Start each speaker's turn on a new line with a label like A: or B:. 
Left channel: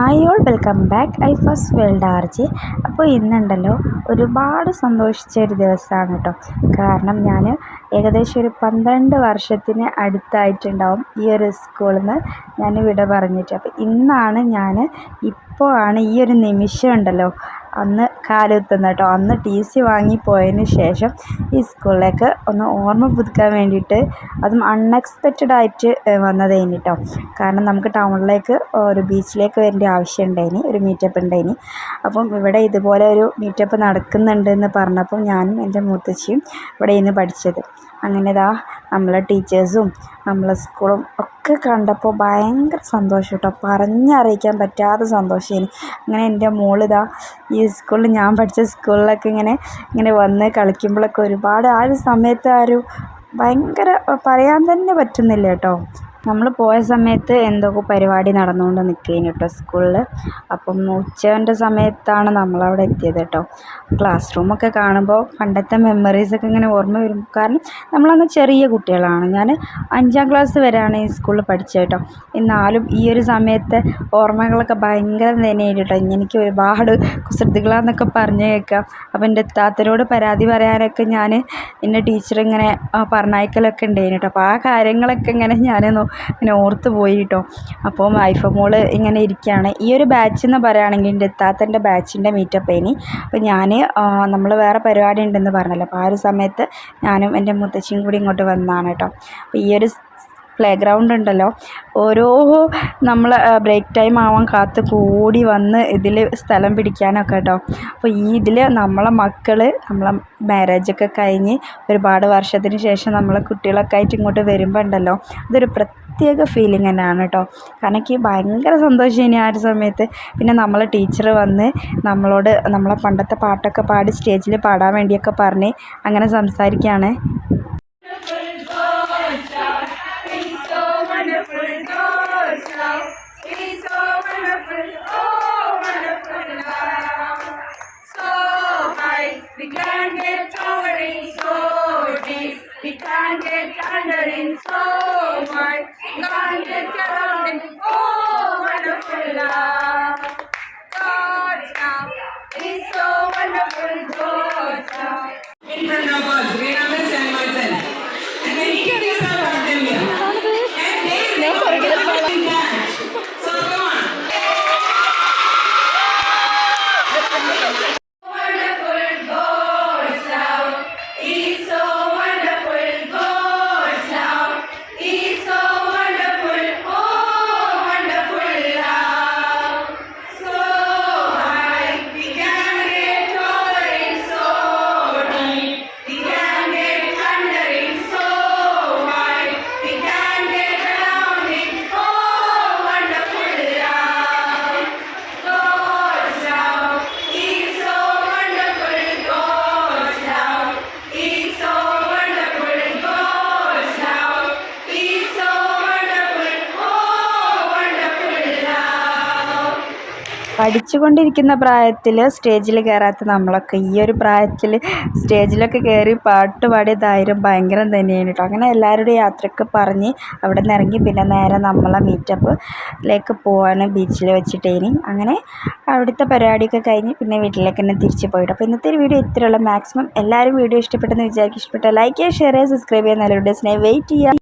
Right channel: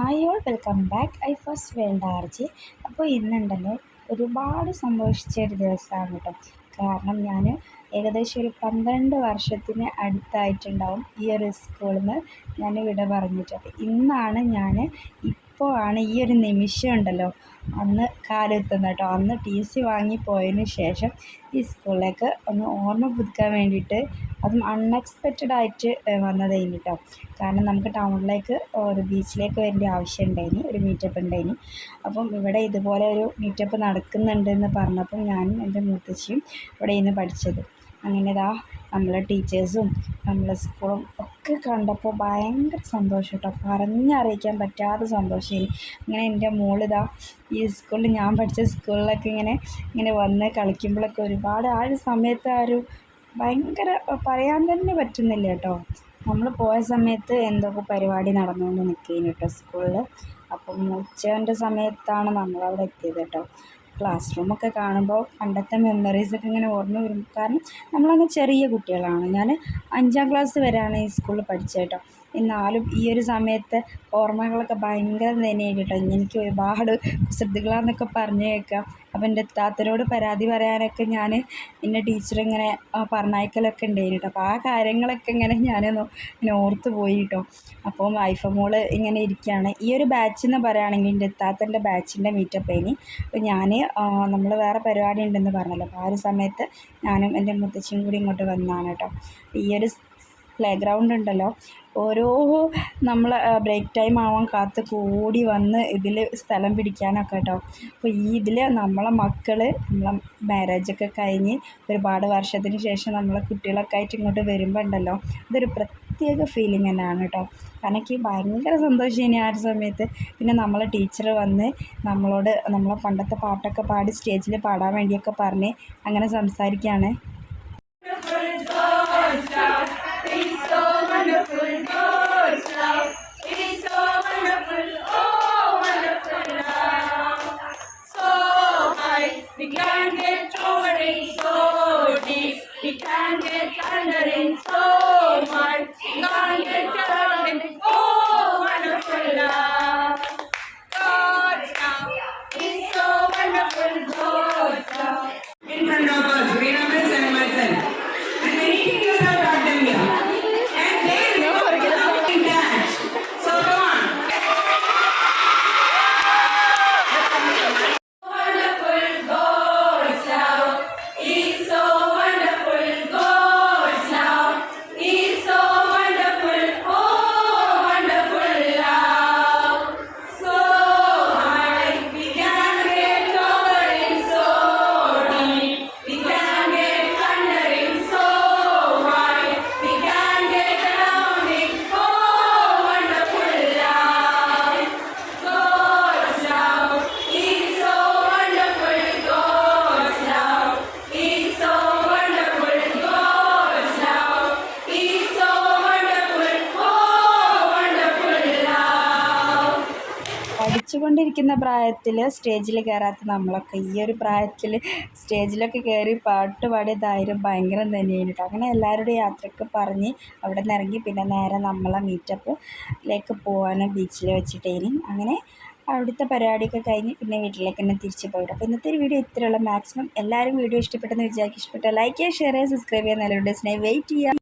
A: Hi all welcome back. I first world R RG. അപ്പോൾ ഇന്നുണ്ടല്ലോ ഒരുപാട് സന്തോഷിച്ച ഒരു ദിവസമാണ് കേട്ടോ. കാരണം ഞാൻ ഏകദേശം ഒരു പന്ത്രണ്ട് വർഷത്തിന് അടുത്തായിട്ടുണ്ടാവും ഈ ഒരു സ്കൂളിൽ നിന്ന് ഞാൻ വിട പറഞ്ഞിട്ട്. അപ്പോൾ ഇന്നാണ് ഞാൻ ഇപ്പോൾ ആണ് ഈ ഒരു നിമിഷം ഉണ്ടല്ലോ. അന്ന് കാലുകുത്തുന്നത് കേട്ടോ അന്ന് ടി സി വാങ്ങി പോയതിന് ശേഷം ഈ സ്കൂളിലേക്ക് ഒന്ന് ഓർമ്മ പുതുക്കാൻ വേണ്ടിയിട്ട് അതും അൺഎക്സ്പെക്റ്റഡ് ആയിട്ട് വന്നതേനി കേട്ടോ കാരണം നമുക്ക് ടൗണിലേക്ക് ഒരു ബീച്ചിലേക്ക് വരേണ്ട ആവശ്യം ഉണ്ടായിനി ഒരു മീറ്റപ്പ് ഉണ്ടായിനി. അപ്പം ഇവിടെ ഇതുപോലെ ഒരു മീറ്റപ്പ് നടക്കുന്നുണ്ട് എന്ന് പറഞ്ഞപ്പം ഞാനും എന്റെ മുത്തശ്ശിയും ഇവിടെ നിന്ന് പഠിച്ചത്. അങ്ങനെ ഇതാ നമ്മളെ ടീച്ചേഴ്സും നമ്മളെ സ്കൂളും ഒക്കെ കണ്ടപ്പോൾ ഭയങ്കര സന്തോഷം കേട്ടോ. പറഞ്ഞറിയിക്കാൻ പറ്റാത്ത സന്തോഷമായി അങ്ങനെ എന്റെ മോളിതാ ഈ സ്കൂളിൽ ഞാൻ പഠിച്ച സ്കൂളിലൊക്കെ ഇങ്ങനെ ഇങ്ങനെ വന്ന് കളിക്കുമ്പോഴൊക്കെ ഒരുപാട് ആ ഒരു സമയത്ത് ആ ഒരു ഭയങ്കര പറയാൻ തന്നെ പറ്റുന്നില്ല കേട്ടോ. നമ്മൾ പോയ സമയത്ത് എന്തൊക്കെ പരിപാടി നടന്നുകൊണ്ട് നിൽക്കുകയാണ് കേട്ടോ സ്കൂളിൽ. അപ്പം ഉച്ചേന്റെ സമയത്താണ് നമ്മളവിടെ എത്തിയത് കേട്ടോ ക്ലാസ് റൂമൊക്കെ കാണുമ്പോൾ പണ്ടത്തെ മെമ്മറീസൊക്കെ ഇങ്ങനെ ഓർമ്മ വരും. കാരണം നമ്മളന്ന് ചെറിയ കുട്ടികളാണ്. ഞാൻ അഞ്ചാം ക്ലാസ് വരെയാണ് ഈ സ്കൂളിൽ പഠിച്ചത് കേട്ടോ എന്നാലും ഈ ഒരു സമയത്തെ ഓർമ്മകളൊക്കെ ഭയങ്കര തന്നെയായിട്ട് കേട്ടോ എനിക്ക് ഒരുപാട് കുസൃതികളാന്നൊക്കെ പറഞ്ഞു കേൾക്കാം. അപ്പം എന്റെ താത്തരോട് പരാതി പറയാനൊക്കെ ഞാൻ എന്റെ ടീച്ചർ ഇങ്ങനെ പറഞ്ഞയക്കലൊക്കെ ഉണ്ടായിരുന്നു കേട്ടോ അപ്പോൾ ആ കാര്യങ്ങളൊക്കെ ഇങ്ങനെ ഞാൻ ഇങ്ങനെ ഓർത്ത് പോയി കേട്ടോ അപ്പോൾ ഐഫ മോൾ ഇങ്ങനെ ഇരിക്കുകയാണ് ഈ ഒരു ബാച്ച് എന്ന് പറയുകയാണെങ്കിൽ എന്റെ എത്താത്തന്റെ ബാച്ചിന്റെ മീറ്റപ്പ് ഇനി അപ്പോൾ ഞാൻ നമ്മൾ വേറെ പരിപാടി ഉണ്ടെന്ന് പറഞ്ഞല്ലോ. അപ്പോൾ ആ ഒരു സമയത്ത് ഞാനും എന്റെ മുത്തശ്ശിയും കൂടി ഇങ്ങോട്ട് വന്നതാണ് കേട്ടോ. അപ്പോൾ ഈ ഒരു പ്ലേ ഗ്രൗണ്ട് ഉണ്ടല്ലോ. ഓരോ നമ്മൾ ബ്രേക്ക് ടൈം ആവാൻ കാത്ത് കൂടി വന്ന് ഇതിൽ സ്ഥലം പിടിക്കാനൊക്കെ കേട്ടോ അപ്പോൾ ഈ ഇതിൽ നമ്മളെ മക്കൾ നമ്മളെ മാരേജൊക്കെ കഴിഞ്ഞ് ഒരുപാട് വർഷത്തിന് ശേഷം നമ്മളെ കുട്ടികളൊക്കെ ആയിട്ട് ഇങ്ങോട്ട് വരുമ്പോൾ ഉണ്ടല്ലോ അതൊരു പ്രത്യേക ഫീലിംഗ് തന്നെയാണ് കേട്ടോ കാരണം എനിക്ക് ഭയങ്കര സന്തോഷം ഇനി ആ ഒരു സമയത്ത്. പിന്നെ നമ്മളെ ടീച്ചർ വന്ന് നമ്മളോട് നമ്മളെ പണ്ടത്തെ പാട്ടൊക്കെ പാടി സ്റ്റേജിൽ പാടാൻ വേണ്ടിയൊക്കെ പറഞ്ഞ് അങ്ങനെ സംസാരിക്കുകയാണ് പഠിച്ചുകൊണ്ടിരിക്കുന്ന പ്രായത്തിൽ സ്റ്റേജിൽ കയറാത്ത നമ്മളൊക്കെ ഈ ഒരു പ്രായത്തിൽ സ്റ്റേജിലൊക്കെ കയറി പാട്ട് പാടിയതായാലും ഭയങ്കരം തന്നെയാണ് കേട്ടോ അങ്ങനെ എല്ലാവരുടെ യാത്രയൊക്കെ പറഞ്ഞ് അവിടെ നിന്ന് ഇറങ്ങി പിന്നെ നേരെ നമ്മളെ മീറ്റപ്പിലേക്ക് പോവാണ് ബീച്ചിൽ വെച്ചിട്ടേനി അങ്ങനെ അവിടുത്തെ പരിപാടിയൊക്കെ കഴിഞ്ഞ് പിന്നെ വീട്ടിലേക്ക് തന്നെ തിരിച്ച് പോയിട്ട്. അപ്പോൾ ഇന്നത്തെ ഒരു വീഡിയോ ഇത്രയുള്ള മാക്സിമം എല്ലാവരും വീഡിയോ ഇഷ്ടപ്പെട്ടെന്ന് വിചാരിക്കും ഇഷ്ടപ്പെട്ട ലൈക്ക് ചെയ്യുക ഷെയർ ചെയ്യുക സബ്സ്ക്രൈബ് ചെയ്യുക. നല്ലൊരു വീഡിയോസിനായി വെയിറ്റ് ചെയ്യുക.